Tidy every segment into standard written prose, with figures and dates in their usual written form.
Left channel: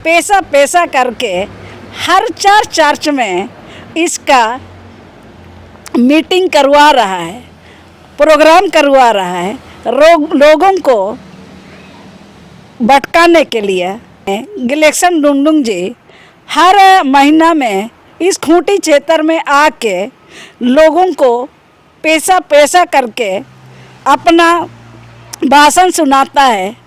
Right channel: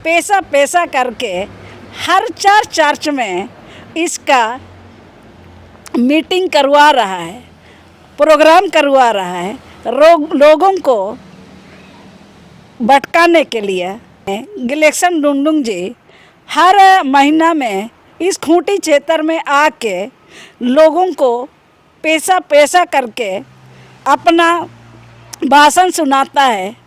पैसा पैसा करके हर चार चर्च में इसका मीटिंग करवा रहा है, प्रोग्राम करवा रहा है लोगों को भटकाने के लिए। गिलेक्सन डुंगडुंग जी हर महीना में इस खूंटी क्षेत्र में आके लोगों को पैसा पैसा करके अपना भाषण सुनाता है।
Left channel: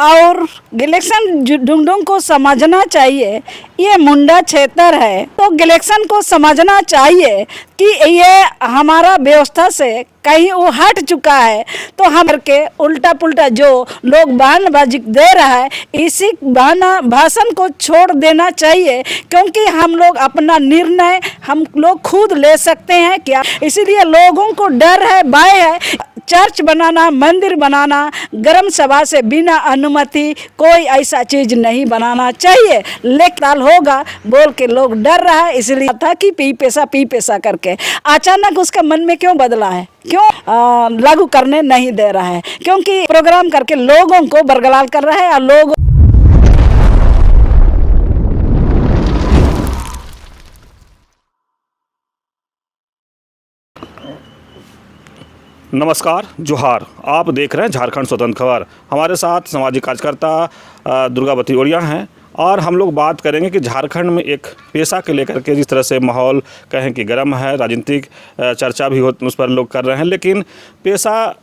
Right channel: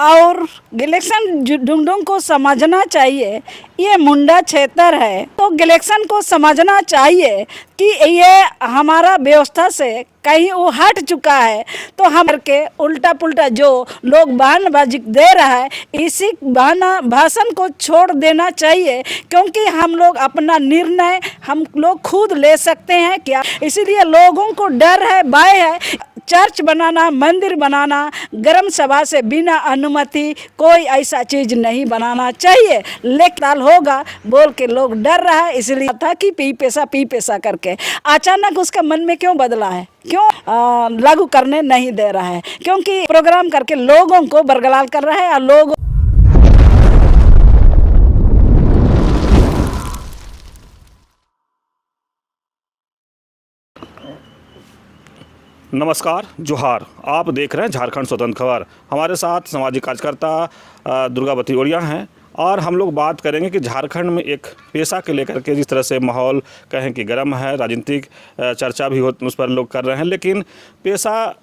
और गिलेक्सन डुंगडुंग को समझना चाहिए ये मुंडा क्षेत्र है, तो गिलेक्सन को समझना चाहिए कि ये हमारा व्यवस्था से कहीं वो हट चुका है। तो हम के उल्टा पुल्टा जो लोग बयानबाजी दे रहा है, इसी भाषण को छोड़ देना चाहिए, क्योंकि हम लोग अपना निर्णय हम लोग खुद ले सकते हैं क्या। इसीलिए लोगों को डर है, भय है। चर्च बनाना, मंदिर बनाना, ग्राम सभा से बिना अनुमति कोई ऐसा चीज़ नहीं बनाना चाहिए। लेकिन होगा बोल के लोग डर रहा है, इसलिए था कि पी पैसा करके अचानक उसका मन में क्यों बदला है, क्यों लागू करने नहीं दे रहा है, क्योंकि प्रोग्राम करके लोगों को बरगलाल कर रहा है। और लोग नमस्कार, जोहार। आप देख रहे हैं झारखंड स्वतंत्र खबर। हमारे साथ सामाजिक कार्यकर्ता दुर्गावती ओरिया हैं और हम लोग बात करेंगे कि झारखंड में एक पेशा के लेकर के जिस तरह से माहौल कहें कि गर्म है, राजनीतिक चर्चा भी हो उस पर लोग कर रहे हैं, लेकिन पेशा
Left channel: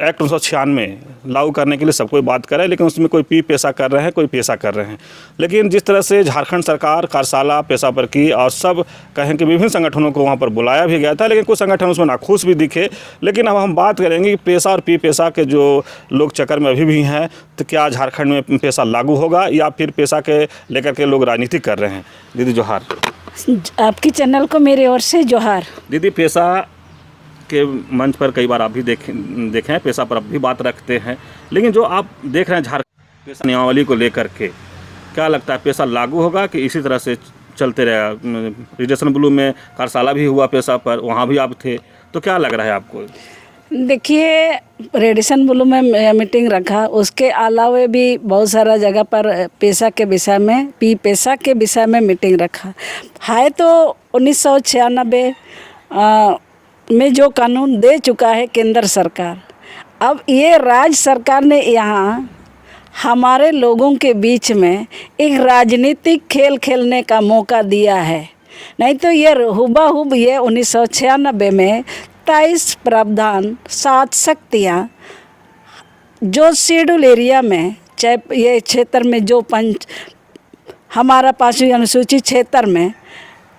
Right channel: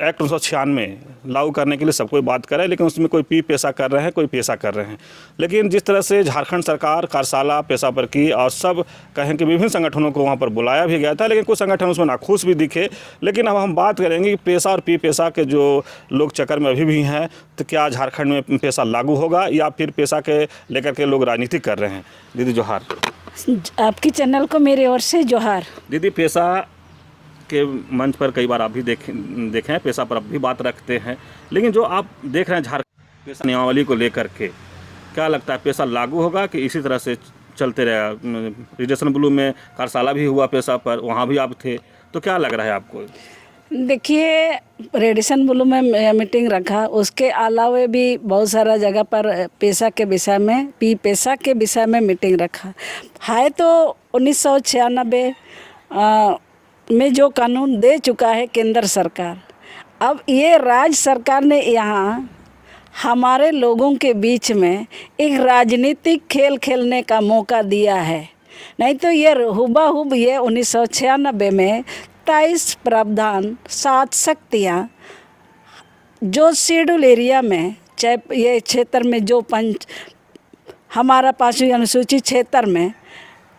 एक्ट 1996 लागू करने के लिए सब कोई बात कर रहा है, लेकिन उसमें कोई पी पैसा कर रहे हैं, कोई पैसा कर रहे हैं। लेकिन जिस तरह से झारखंड सरकार कार्यशाला पेशा पर की और सब कहें कि विभिन्न संगठनों को वहाँ पर बुलाया भी गया था, लेकिन कुछ संगठन उसमें नाखुश भी दिखे। लेकिन अब हम बात करेंगे कि पैसा और पी पैसा के जो लोग चक्कर में अभी भी हैं, तो क्या झारखंड में पैसा लागू होगा या फिर पैसा के लेकर के लोग राजनीति कर रहे हैं। दीदी जोहार। आपकी चैनल को मेरी ओर से जोहार। दीदी, पैसा के मंच पर कई बार आप भी देखे हैं, पैसा पर अब भी बात रखते हैं, लेकिन जो आप देख रहे हैं झारखंड पैसा नियमावली को लेकर के, क्या लगता है पैसा लागू होगा कि इसी तरह से चलते रहेगा। रिजर्वेशन ब्लू में कार्यशाला भी हुआ पैसा पर, वहाँ भी आप थे, तो क्या लग रहा है आपको। देखिए, रेडिसन ब्लू में मीटिंग रखा, उसके अलावा भी बहुत सारा जगह पर पैसा के विषय में पैसा के विषय में मीटिंग रखा है। तो 1996 में जो कानून दे चुका है केंद्र सरकार, अब ये राज्य सरकार ने यहाँ हमारे लोगों के बीच में एक राजनीतिक खेल खेलने का मौका दिया है। नहीं तो ये हुबहू ये 1996 में 23 प्रावधान 7 शक्तियाँ जो शेड्यूल एरिया में, चाहे ये क्षेत्र में जो हमारा 5वीं अनुसूचित क्षेत्र में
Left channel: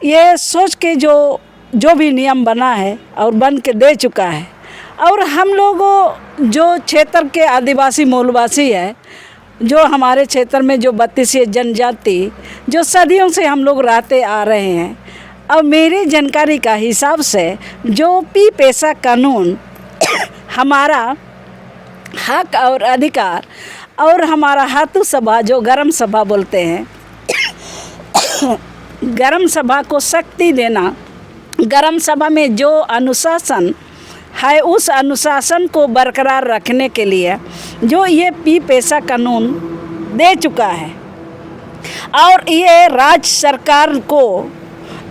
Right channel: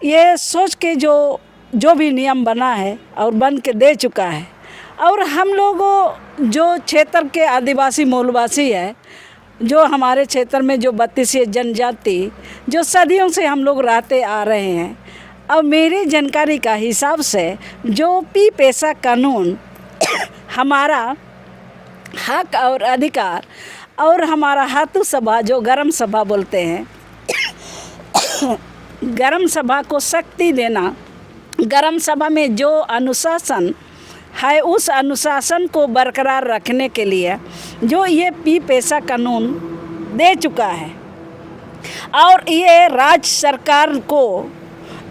ये सोच के जो भी नियम बना है और बन के दे चुका है। और हम लोगों जो क्षेत्र के आदिवासी मूलवासी है, जो हमारे क्षेत्र में जो 32 जनजाति जो सदियों से हम लोग रहते आ रहे हैं, और मेरी जानकारी का हिसाब से जो पी पैसा कानून हमारा हक और अधिकार और हमारा हाथू सभा जो ग्राम सभा बोलते हैं, ग्राम सभा को शक्ति देना, ग्राम सभा में जो अनुशासन है उस अनुशासन को बरकरार रखने के लिए जो ये पी पैसा कानून दे चुका है। और ये राज्य सरकार को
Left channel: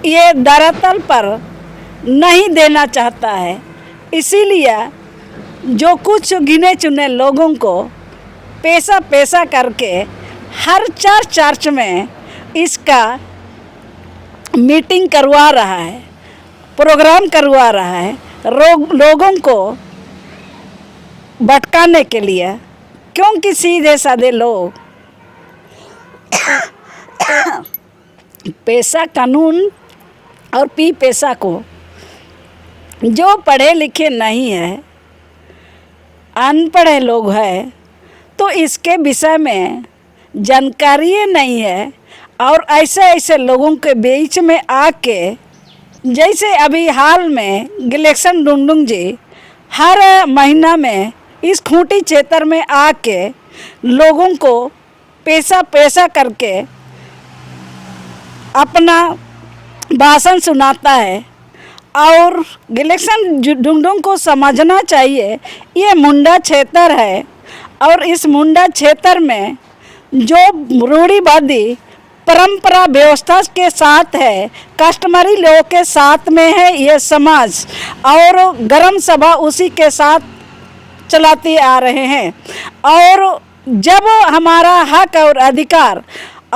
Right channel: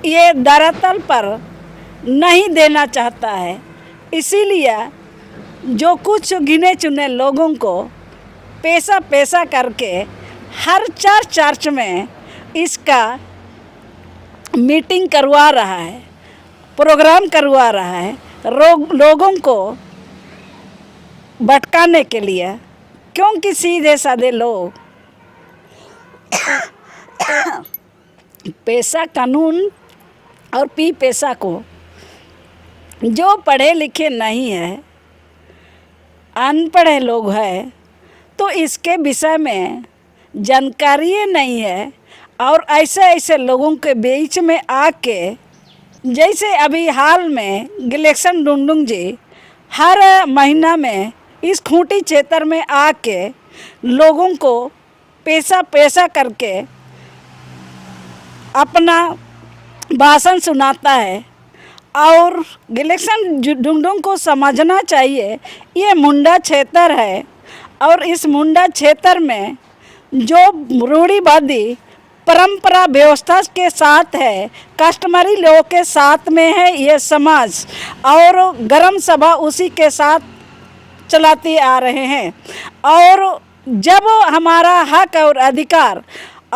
ये धरातल पर नहीं देना चाहता है, इसीलिए जो कुछ गिने चुने लोगों को पैसा पैसा करके हर चार चर्च में इसका मीटिंग करवा रहा है, प्रोग्राम करवा रहा है लोगों को भटकाने के लिए। क्योंकि सीधे साधे लोग पैसा कानून और पी पैसा को जो पढ़े लिखे नहीं है, अनपढ़े लोग हैं, तो इसके विषय में जानकारी नहीं है। और ऐसे लोगों के बीच में आके, जैसे अभी हाल में गिलेक्सन डुंगडुंग जी हर महीना में इस खूंटी क्षेत्र में आके लोगों को पैसा पैसा करके अपना भाषण सुनाता है। और गिलेक्सन डुंगडुंग को समझना चाहिए ये मुंडा क्षेत्र है, और इस मुंडा क्षेत्र में जो रूढ़िवादी परंपरा व्यवस्था के साथ है, कस्टमरी लोगों के साथ में है ये समाज, और ग्राम सभा उसी के साथ चलाते आ रहे हैं। और जब हमारा हक और अधिकार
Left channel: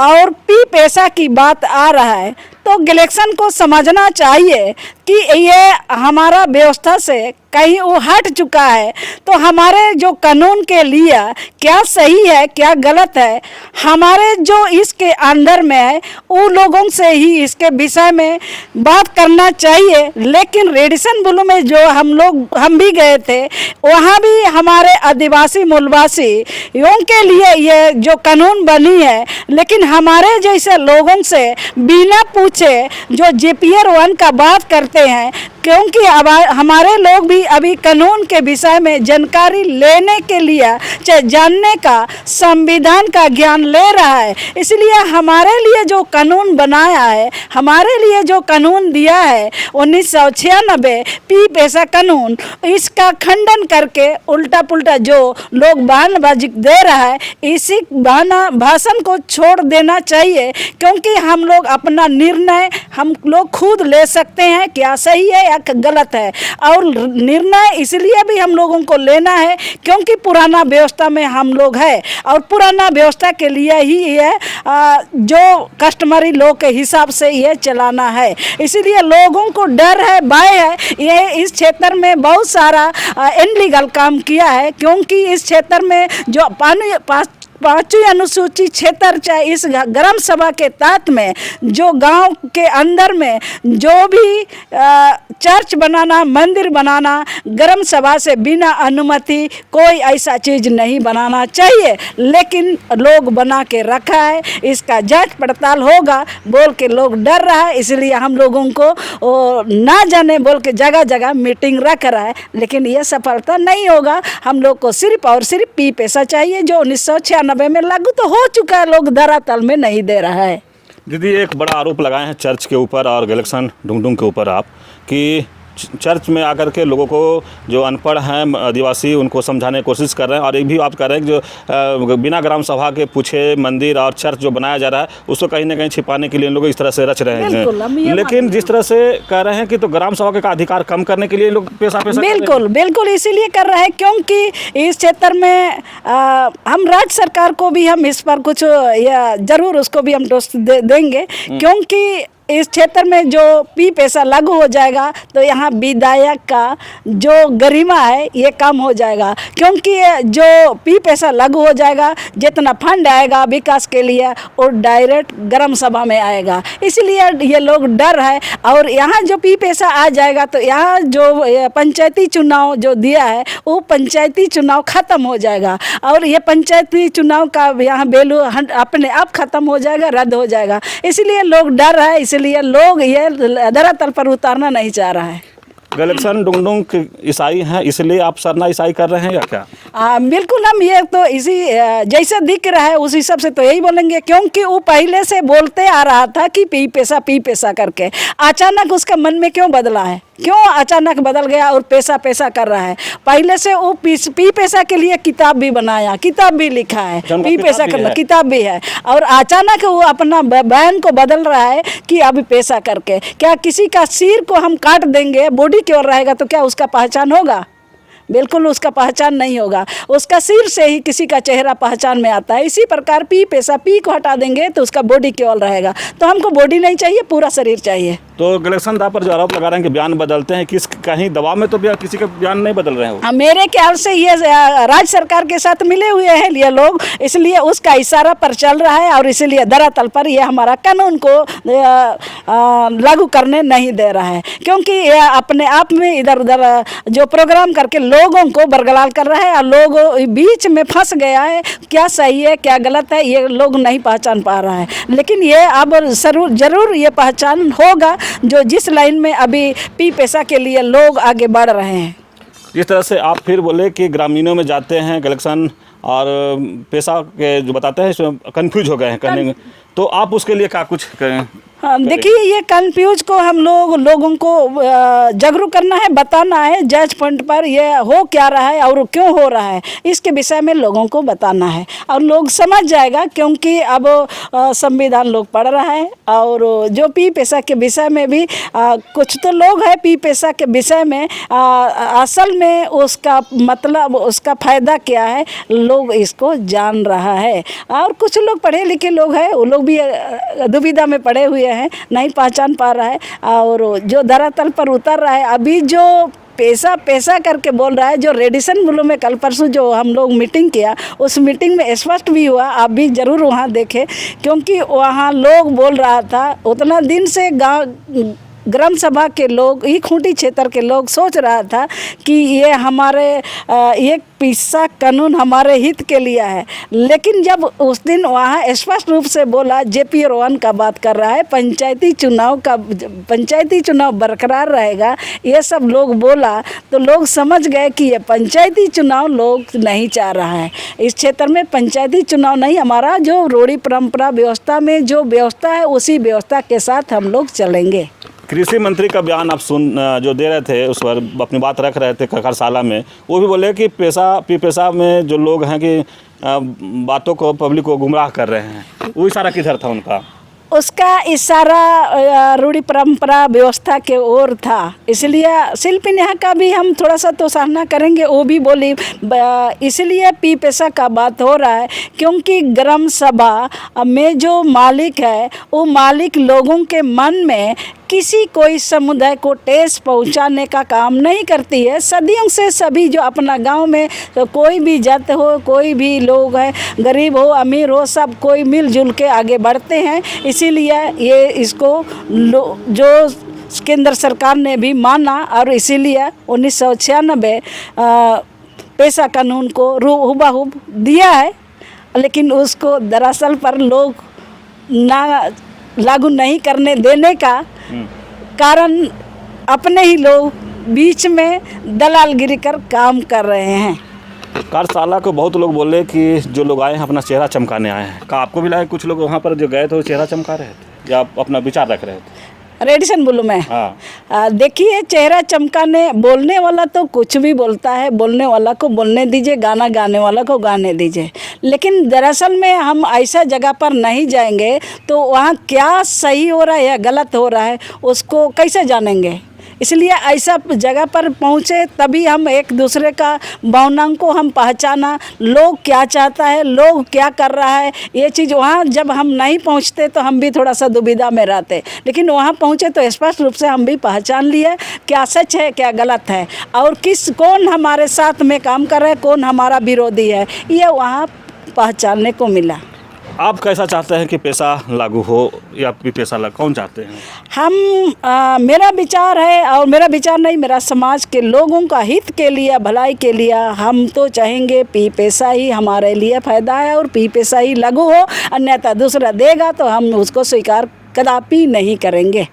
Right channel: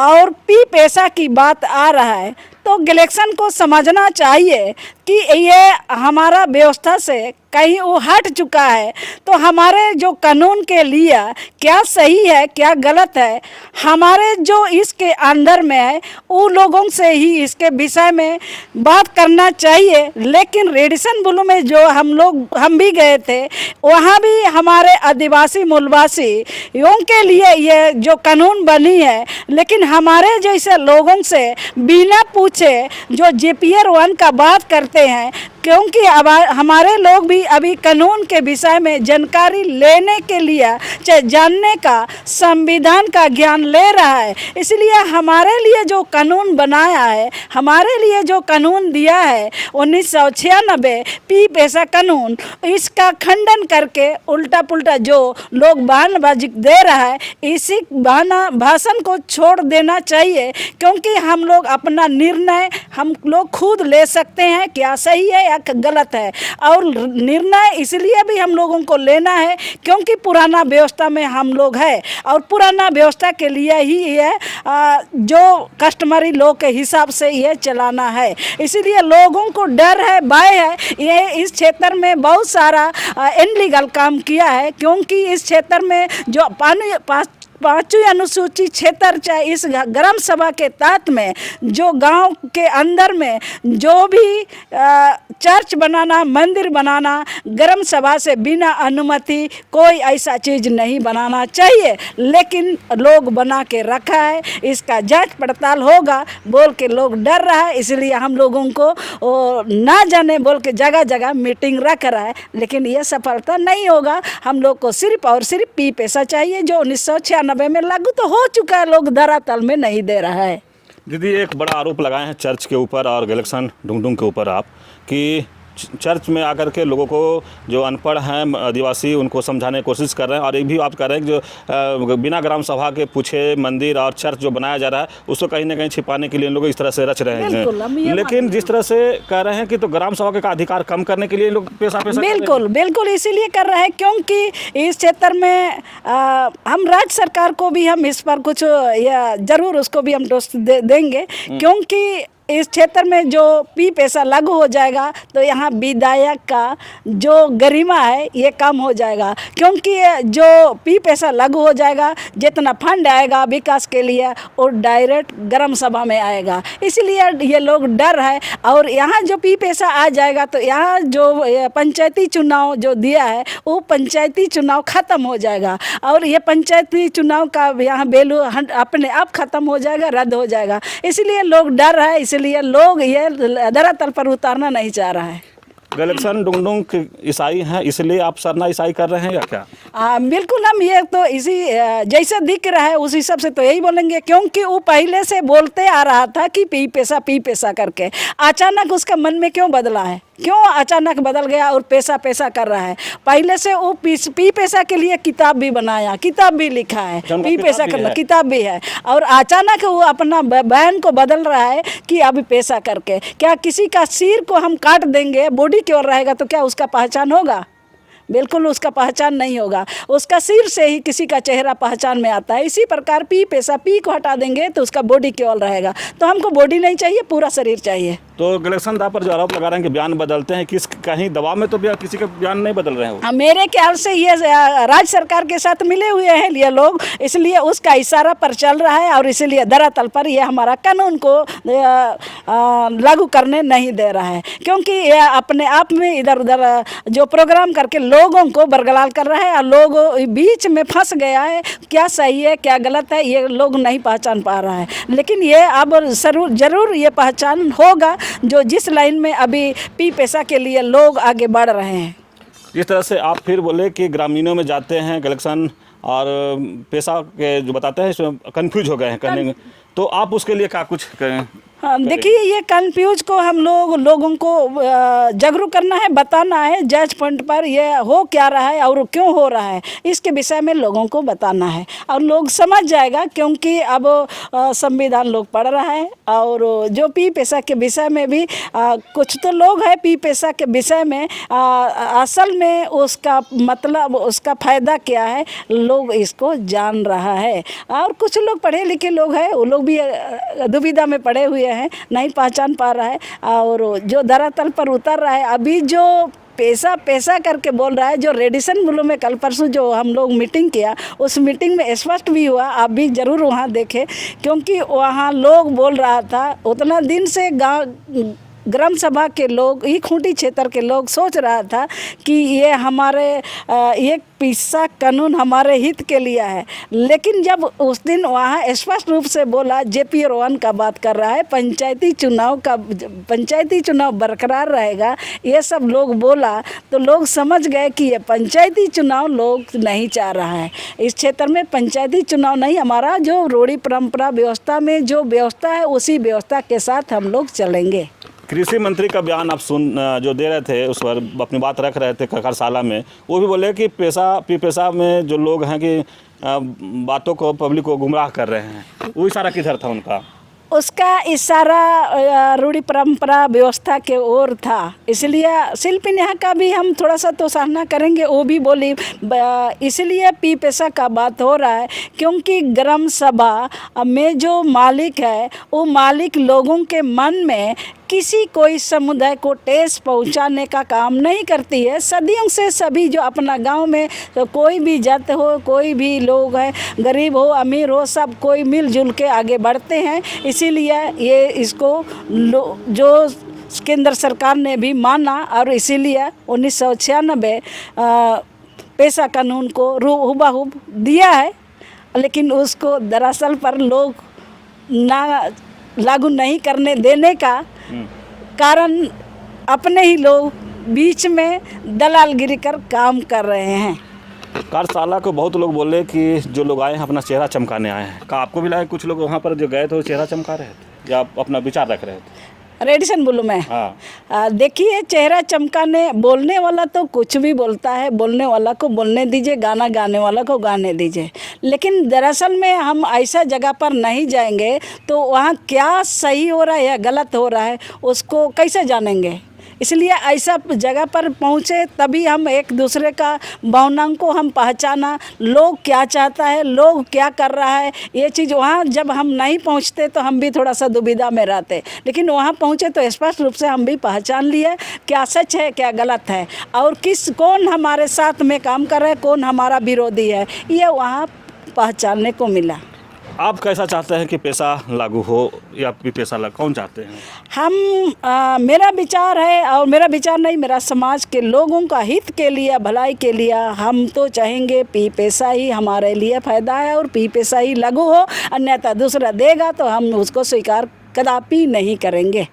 और पी पैसा की बात आ रहा है तो गैलेक्सन को समझना चाहिए कि ये हमारा व्यवस्था से कहीं वो हट चुका है। तो हमारे जो कानून के लिए क्या सही है क्या गलत है, हमारे जो इसके अंदर में है उन लोगों से ही इसके विषय में बात करना चाहिए। लेकिन रेडिसन ब्लू में जो हम भी गए थे, वहाँ भी हमारे आदिवासी मूलवासियों के लिए ये जो कानून बनी है, लेकिन हमारे जैसे लोगों से बिना पूछे जो JPR 1 का बात करते हैं, क्योंकि अब हमारे लोग भी अभी कानून के विषय में जानकारी लेने के लिए चाहे जानने का संविधान का ज्ञान ले रहा है। इसलिए हमारे लिए जो कानून बनाया है, हमारे लिए जो कानून दिया है 1996 पी पैसा कानून, इसका खंडन करके उल्टा पुल्टा जो लोग बयानबाजी दे रहा है, इसी भाषण को छोड़ देना चाहिए। क्योंकि हम लोग अपना निर्णय हम लोग खुद ले सकते हैं, क्या सही है या गलत है। और निर्णय इसलिए भी हम लोगों को लेना है क्योंकि पुराना व्यवस्था में हम लोग हैं, और पुराना व्यवस्था के लिए ही ये जो कस्टमरी लोग के हिसाब से ये चलाना है। इसीलिए लोगों को डर है, भय है। ये इस क्षेत्र में बहुत सारा इनलीगल काम किया है, क्योंकि इस क्षेत्र में जो पाँचवीं अनुसूचित क्षेत्र चाहे इस ग्राम सभा के तहत में जो गांव के अंदर में जो भी चर्च बनाना, मंदिर बनाना, ग्राम सभा से बिना अनुमति कोई ऐसा चीज़ नहीं बनाना चाहिए। लेकिन लोग बना के रखा है, इसका जांच पड़ताल होगा बोल के लोग डर रहा है। इसलिए हम लोगों को ना जाने बोल के जगह जगह मीटिंग रख रहा है, लेकिन ये सफलता नहीं होगा। हम लोग को सिर्फ और सिर्फ पी पैसा चाहिए, जो 1996 में लागू तो हो चुका है, लोग धरातल में नहीं दे रहा है। दीदी, एक बड़ा आरोप लगाए हैं चर्च के ऊपर और गैलेक्सन डुंगडुंग के ऊपर आप, कि चर्च में आकर के लोगों को जो अनपढ़ हैं आदिवासी उनको समझाने की कोशिश कर रहे हैं, और एक भी आप कह रहे हैं कि जो बिना ग्राम सभा के पूछे मंदिर और चर्च जो बनाया जा रहा है उसको कहीं ना कहीं छिपाने के लिए लोग इस तरह से रच रहे हैं। लेकिन जिस तरह से कह रहे हैं कि तो ग्राम सभा का अधिकार कम करने के लिए लोग पैसा बिल्कुल इसीलिए कर रहे हैं, क्योंकि इस क्षेत्र में हम राज्य सरकार को भी हम इस पर कुछ जरूर उसको भी हम दोष देंगे, क्योंकि इस क्षेत्र में जो पी पैसा लागू हो जाएगा तो यहाँ विधायक का जो गरिमा है ये कम हो जाएगा। क्योंकि जो पी पैसा लागू हो जाएगा, जितना फंड आएगा विकास के लिए वो डायरेक्ट ग्राम सभा में आएगा। इसलिए ये लोग डर है। और यहाँ जो पी पैसा आ जाएगा तो यहाँ जो पंचायती चुनाव जो दिया है वो पंचायती चुनाव ख़त्म हो जाएगा, और ये पंचायती चुनाव का यहाँ वैल्यू अपने आप ख़त्म हो जाएगा, रद्द हो जाएगा। इसलिए लोग डर है, इसलिए लोग ये धरातल पर उतारना नहीं चाह रहा है। गैलेक्सन डुंगडुंग ईसाई हैं, इसलिए आप सरना ईसाई कर रहे हैं या क्या? बिल्कुल, हम ये तो इसी जैसे दिख रहा है उस हिसाब से तो यही बोलेंगे, क्योंकि वो पहले से बोलते आ रहा था कि पी पैसा करके। अचानक उसका मन में क्यों बदला है, क्यों अचानक बदल गया और पैसा कर रहा है? पहले से वो पी पैसा के लिए किताब भी बनाया, किताब भी लिखा है, पी पैसा करना किताब भी है, और अचानक वो अपना बयान को बदल रहा है कि अभी पैसा करके। क्या किसी का सिर को हम काट देंगे, बॉडी की ओर रहेगा तो क्या उसका पहचान होगा? बिल्कुल उसका पहचान नहीं होगा। उसका सिर से ही किसी का चेहरा पहचान में आता है। इसी प्रकार पी पैसा, पी को हटा देंगे तो उसका बॉडी केवल रहेगा। तो हमको बॉडी नहीं चाहिए, पूरा शरीर चाहिए। तो गैलेक्सन दा पर जो आरोप लगा रहे हैं कि बयान बदलते हैं, कहीं दबाव में तो किसी का बयान नहीं बदल रहे हैं? मेरे ख्याल से ये राज्य सरकार के साथ मिले हुए हैं ये लोग, इसलिए उसका इशारा पर चल रहा है, और इसीलिए धरातल पर ये हमारा कानून को लागू करने नहीं दे रहा है। क्योंकि ये अपने आप में इधर उधर जो प्रोग्राम करके लोगों को बरगलाल कर रहा है, और लोग बीच में फंस गया है, क्या सही है क्या गलत है ये लोग नहीं पहचान पा रहा है। लेकिन ये अब जरूर ये पहचान होगा, जो जिस लाइन में अभी पी पैसा के लिए लोग आगे बढ़ रहे हैं। जिस तरह से आप फिर बोले कि ग्रामीणों में जाते हैं गैलेक्सन और पैसा के जो बताते हैं इसमें कन्फ्यूज हो गए हैं कहने में, तो आप उसके लिए क्या कुछ करें? हाँ, देखिए ये कंफ्यूज को हम लोगों को जागरूक करना है, बताना है जज पॉइंट पर ये हो क्या रहा है और क्यों हो रहा है, इसके विषय में लोगों को बताना है और लोग समझ जाएगा। क्योंकि अब संविधान लोग पढ़ रहा है और जो पी पेशा के विषय में भी कुछ तो लोग हैं पी पेशा के विषय में असल में उसका मतलब उसका फ़ायदा क्या है लोग इसको जान रहा है। और कुछ लोग पढ़े लिखे लोग हैं, वो लोग भी दुविधा में पड़े हुए हैं, नहीं पहचान पा रहा है। और जो धरातल पर उतर रहा है अभी जो पैसा पैसा करके बोल रहा है, जो रेडिसन ब्लू में कल परसों जो हम लोग मीटिंग किया उस मीटिंग में स्पष्ट भी हुआ, आप भी ज़रूर वहाँ देखें। क्योंकि वहाँ लोग बोल रहा था उतना दिन से गाँव ग्राम सभा के लोग ये खूंटी क्षेत्र के लोग सोच रहा था कि ये हमारे ये पेशा कानून हमारे हित के लिए है। लेकिन जब उस दिन वहाँ स्पष्ट रूप से बोला जेपी रोहन का बात कर रहा है पंचायती चुनाव बरकरार रहेगा, ये सब लोग बोला तो लोग समझ गए कि ये पंचायती चुनाव लोग नहीं चाह रहा है। इस क्षेत्र में पंचायती चुनाव नहीं, हमारा जो रूढ़ी परंपरा व्यवस्था में जो व्यवस्था है उसी व्यवस्था के साथ हम लोग चलेंगे। कृषि मंत्री का बयान आप जो दे रहे थे उस पर अपनी बात रख रहे थे खरसाला में, वो भी बोले कि पेशा में जो लोग हैं कि बातों को पब्लिक को गुमराह कर रहे हैं, वो इशारा किधर था उनका? उसका इशारा रूढ़ी परंपरा व्यवस्था के ओर था, इसलिए शिल्पी नेहा का भी हम थोड़ा सा तो सराहना करेंगे। वो भी बोली इसलिए पी पेशा का बात हो रहा है क्योंकि ग्राम सभा में जो मालिक है वो मालिक लोगों के मन में किसी कोई समुदाय को ठेस पहुंचाने का काम नहीं करती है। सदियों से सभी जो अपना गांव में तो कोई भी जात हो, कोई भी लोग है, गरीब हो अमीर हो, सब कोई मिलजुल के आगे बढ़ते हैं। इसीलिए ये इसको जो केंद्र सरकार ने भी माना और इसीलिए 1996 पेशा कानून को हुबहू दिया है। लेकिन उसको दरअसल पर लोग ना लागू नहीं करने देने का कारण अपने ही लोग बीच में दलालगिरी कर काम कर रहे हैं। कार्यशाला को बहुत लोग बोले कि जो लोग आए हैं अपना चेहरा चमकाने आए हैं, का आपको भी लगा कुछ लोग वहाँ पर जो गए थे वो चेहरा चमका रहे थे या आप अपना विचार रख रहे थे? रेडिसन ब्लू में हाँ। देखिए चेहरा चमकाने, बोलने वाला तो कुछ भी बोलता है, बोलने वाला को बोलने दीजिए, गाना गाने वाला को गाने दीजिए। लेकिन दरअसल में हम ऐसा जगह पर नहीं जाएंगे तो वहाँ क्या सही हो रहा है या गलत हो रहा है उसको कैसे जानेंगे। इसलिए ऐसा जगह पर पहुँचे तभी हम एक दूसरे का भावनाओं को हम पहचाना, लोग क्या चाहता है, लोग क्या कर रहा है, ये चीज़ वहाँ जब हम नहीं पहुँचते तो हम भी थोड़ा सा दुविधा में रहते। लेकिन वहाँ पहुँचे तो स्पष्ट रूप से हम भी पहचान लिए क्या सच है क्या गलत है और कौन हमारे साथ में काम कर रहा है, कौन हमारा विरोधी है, ये वहाँ पहचानने को मिला। आप कैसा चाहते हैं कि पेशा लागू हो या पेशा कौन चाहते हैं? हम मेरा विचार है और मेरा विचार नहीं, मेरा समाज के लोगों का हित के लिए, भलाई के लिए हम तो चाहेंगे पी पेशा ही हमारे लिए फ़ायदा है और पी पेशा ही लागू हो। अन्यथा दूसरा देगा तो हम उसको स्वीकार कदापि नहीं करेंगे।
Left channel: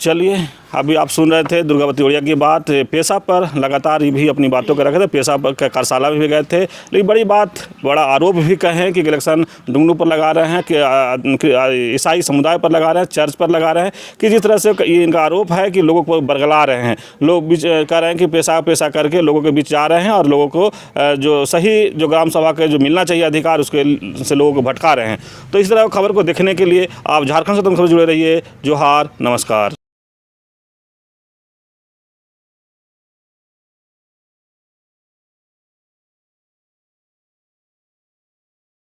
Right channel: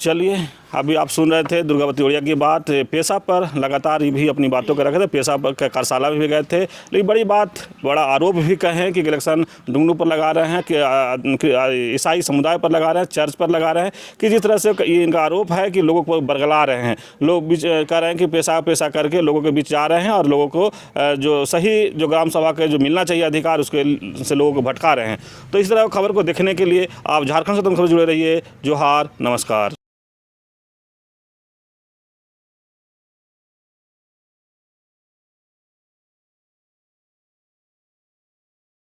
चलिए, अभी आप सुन रहे थे दुर्गावती ओड़िया की बात। पेशा पर लगातार ये भी अपनी बातों को रखे थे, पेशा पर कार्यशाला में भी गए थे। लेकिन बड़ा आरोप भी कहें कि इलेक्शन डुंगनू पर लगा रहे हैं, कि ईसाई समुदाय पर लगा रहे हैं, चर्च पर लगा रहे हैं, कि जिस तरह से ये इनका आरोप है कि लोगों को बरगला रहे हैं। लोग बीच कह रहे हैं कि पेशा करके लोगों के बीच जा रहे हैं और लोगों को जो सही जो ग्राम सभा के जो मिलना चाहिए अधिकार उसके से लोगों को भटका रहे हैं। तो इस तरह खबर को देखने के लिए आप झारखंड स्वतंत्र खबर जुड़े रहिए। जोहार, नमस्कार।